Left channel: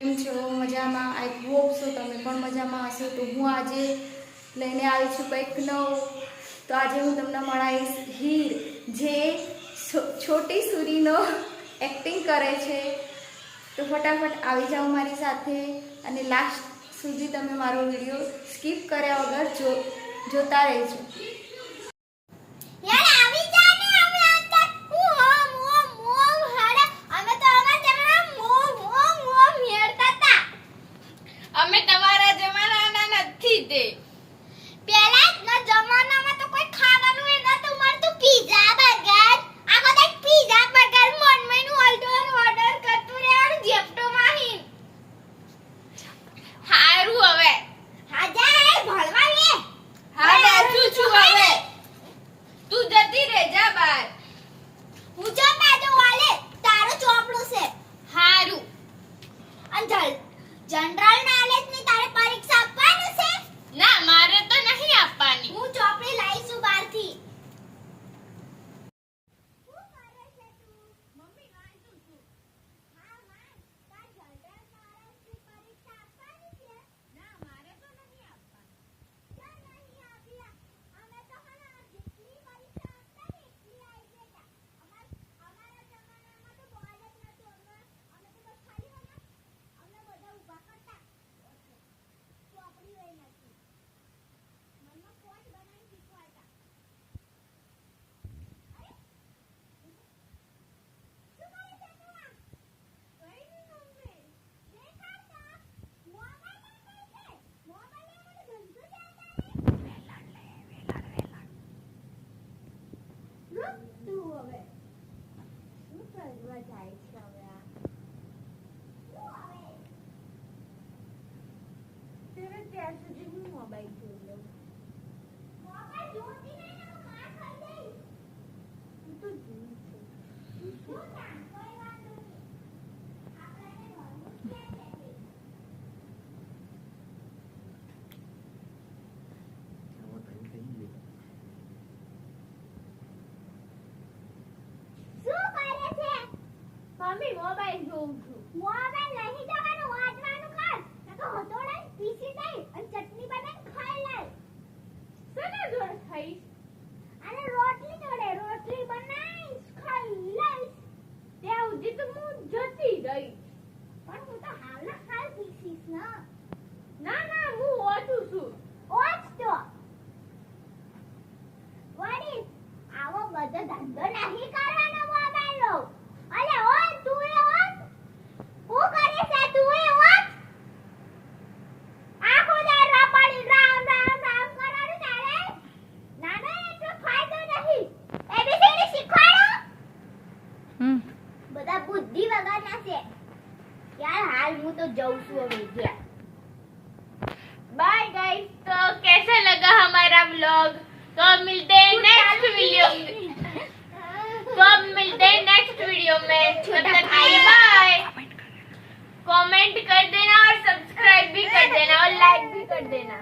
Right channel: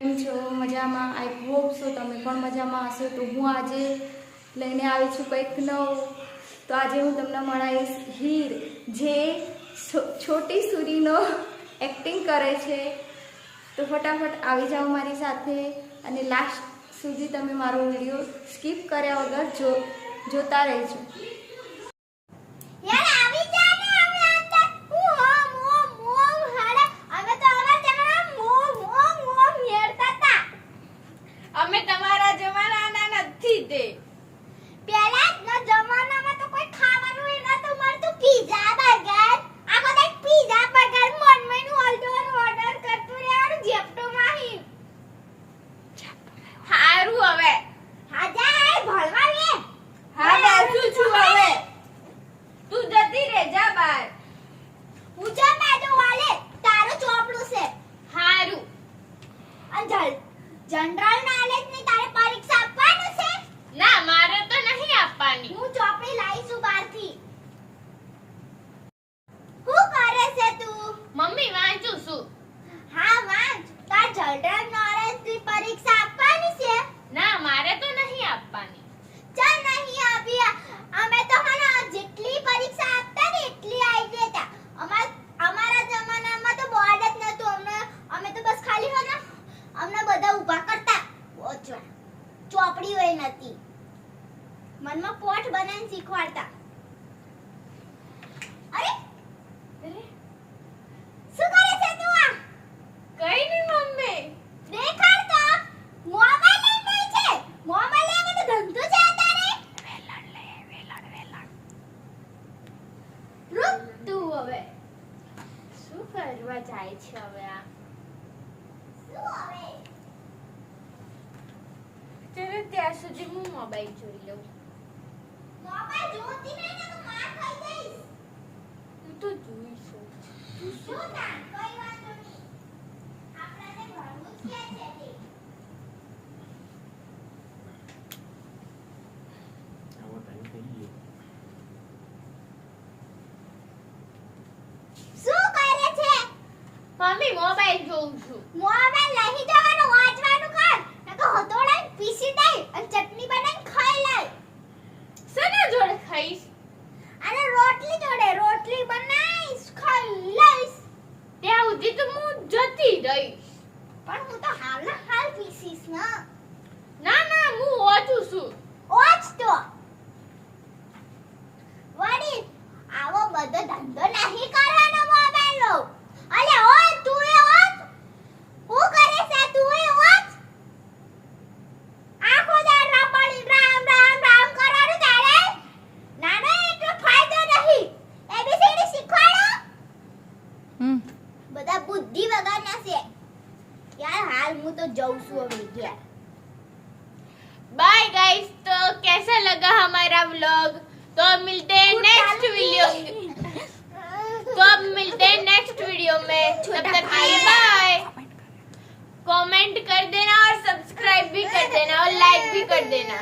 કેમ છો? મજામાં? આઈ હોપ સો તમે પણ મજામાં હશો. તો હું આજે લઈને આવી છું કંઈક નવું. તો આજે હું તમને મળાવીશ હીર, જે છોટી સૂરીનો એક્ટિંગ કરે છે. તો ફટાફટ આવી જાઓ મારી સાથે અને લાસ્ટ સુધી તમે મારો વિડીયો સ્કીપ કર્યા વગર જોતા રહેજો. અમે તમારા જમાનાના નથી તે. પહેલાના જમાનામાં તો કોઈ ખાવાનું એ નતું મળતું. પીઝા બર્ગર, આખો દે પીઝા બર્ગર મનનું ઓર્ડર કરતું રહેવાનું જેપ્ટોમાં હી. હારું હવે. હા જા ભણવા લે. હા બેઠું છું હવે. તું જતી રહે જા બહાર. હું જો બાજુ વાલે તારું ચોપડું છે. હારું. અંજલ જનરલ નોલેજ ની તારે પરીક્ષા આપવાનું છે. ના મારે તો નહીં આપવાની. હું ચોપડી લાવી છું બહારથી. શું કરે છે તું? મમ્મી વાંચું છું. હા વાંચ. તાર જનરલ નોલેજ ની પરીક્ષા આપવાની છે. ના મારે તો નહીં આપવાની. ચાલ નહીં આપી. અમે તો હને જેટલી પરીક્ષા આપતા ને એટલી આવી દેતા. અમારા જમાનામાં તો બોર્ડ જ નતું. અમે તો બસ ખાલી હને અમને બધા ઊભા કરતા ઓચવા. ચોપડી હોય નથી. મનમાં પોટ બનાવીને શીખવાડતા. અરે શું કરે છે તું આ? કઈ નહીં મમ્મી. દેખાડ તો. મોબાઈલ લઈને ગઈ છે. મોબાઈલ લેવાનો તો ધંધો છે તારે. રૂક તું હવે. શું કરવા જાય છે હવે આ? શું હવે? ચલો ત્યાં સુધી હું મોબાઈલ જોઈ લઉં. મોબાઈલ જોતી નહીં ને તો માર ખાઈ જઈશ. તું તો જોઈશું. શું ના કોઈ વાંધો નહીં. આપણે ભણવું જ ક્યાં છે તે. શું કરે છે? મમ્મી મોબાઈલ જોઉં છું. મોબાઈલ લઈ જવાનું વાંચવાનું કર. નકો હતોડાઈ પીસી દઈ અને ચટણી બનાવીને ખાઈ લે. શેના જોડે ખાઈશ? અને રોટલી જોડે રોટલી બનાવીશ ખાઈ લઈશ. ત્યાં સુધી તો હું જતી રહીશ. પણ હું તો હાલ પીસીશ ના. ના ના હું વાંચું છું. ઓચ તો વડી આવો બધો ધંધો નહીં કરવાનો મોબાઈલ નો. અલે ઓ તું એ ઓચ. હું કરે છે તું એ ઓચ. આખો દાડા પડી રામ કરવાનું તારે. નાનો એટલો ફાયદો નહીં. એબીસીડી શીખવાડો. બધા બુદ્ધિ વગરના છે. यार हाल मुझे तो जाऊँ सु अभी गया. Bye guys. तो कैसे लगा हमारा व्लॉग? तो अब मिलते हैं नेक्स्ट वीडियो में. तब तक के लिए बाय. कमेंट कर देना और सब्सक्राइब भी कर देना और लाइक भी कर देना.